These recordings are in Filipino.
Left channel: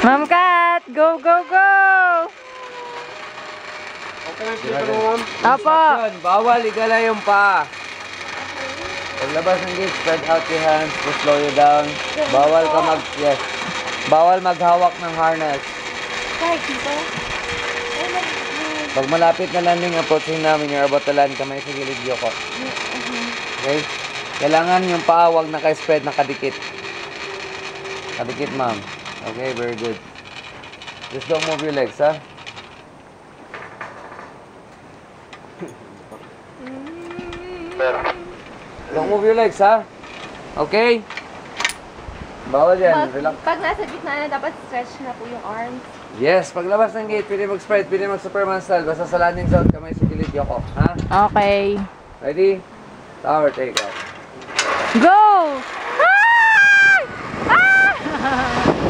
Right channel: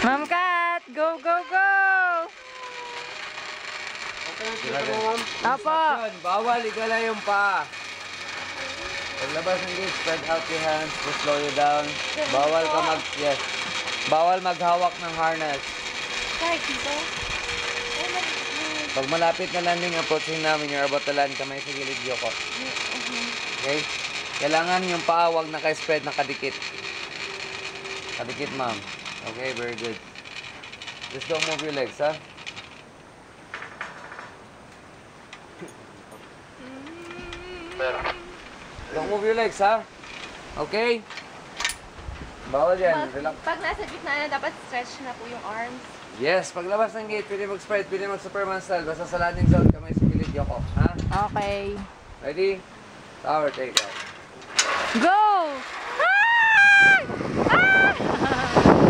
Ma'am Kat, go, go, go! Apo! Bawal igala yung paa. Paglabas ng gate, spread out your hands to slow you down. Bawal ka bawal maghawak ng harness. Kahit dito? Pag malapit na landing, approaching namin, you're about to land, kamay sa gilid, Yoko. Okay? Kailangan yung paa, wag naka-spread, nakadikit. Kadikit, ma'am. Okay, very good. Just don't move your legs, ha? Don't move your legs, ha? Okay? Bawal yan. Relax. Pag nasa gitna na, dapat stretch na po yung arms. Yes, paglabas ng gate, pwede mag-spread, pwede mag-Superman style. Basta sa landing zone, kamay sa gilid, Yoko. Ha? Okay. Ready? Tower take off. Go! Ah! Ah!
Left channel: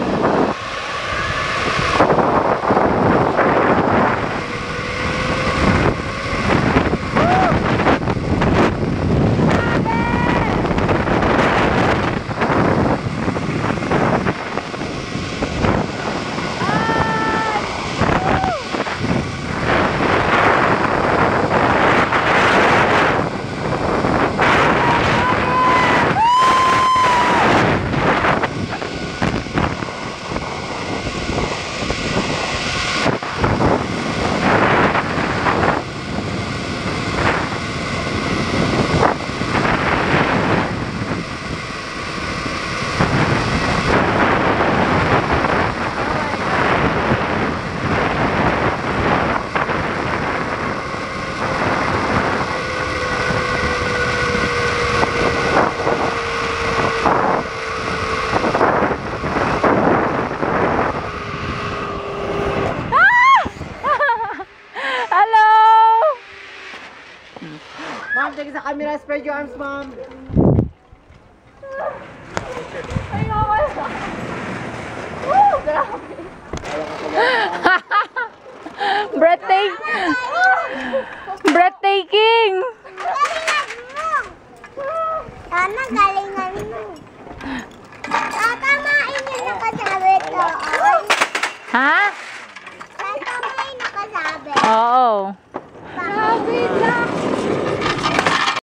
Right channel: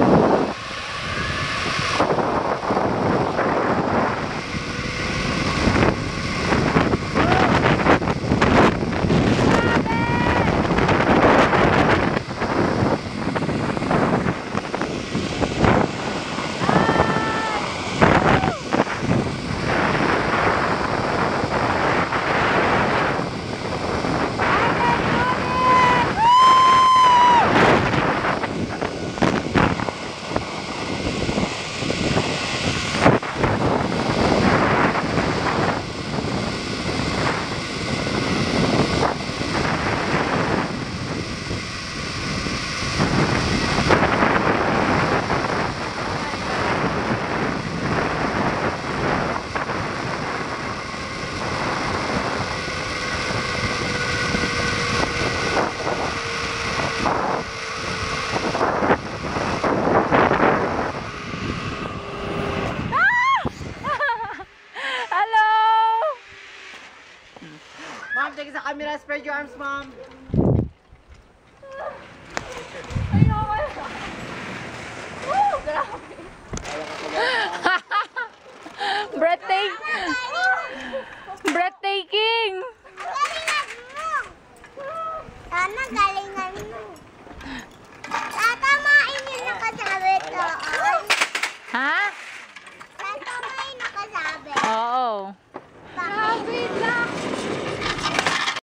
Ma'am, take sa camera. Spread your arms, ma'am.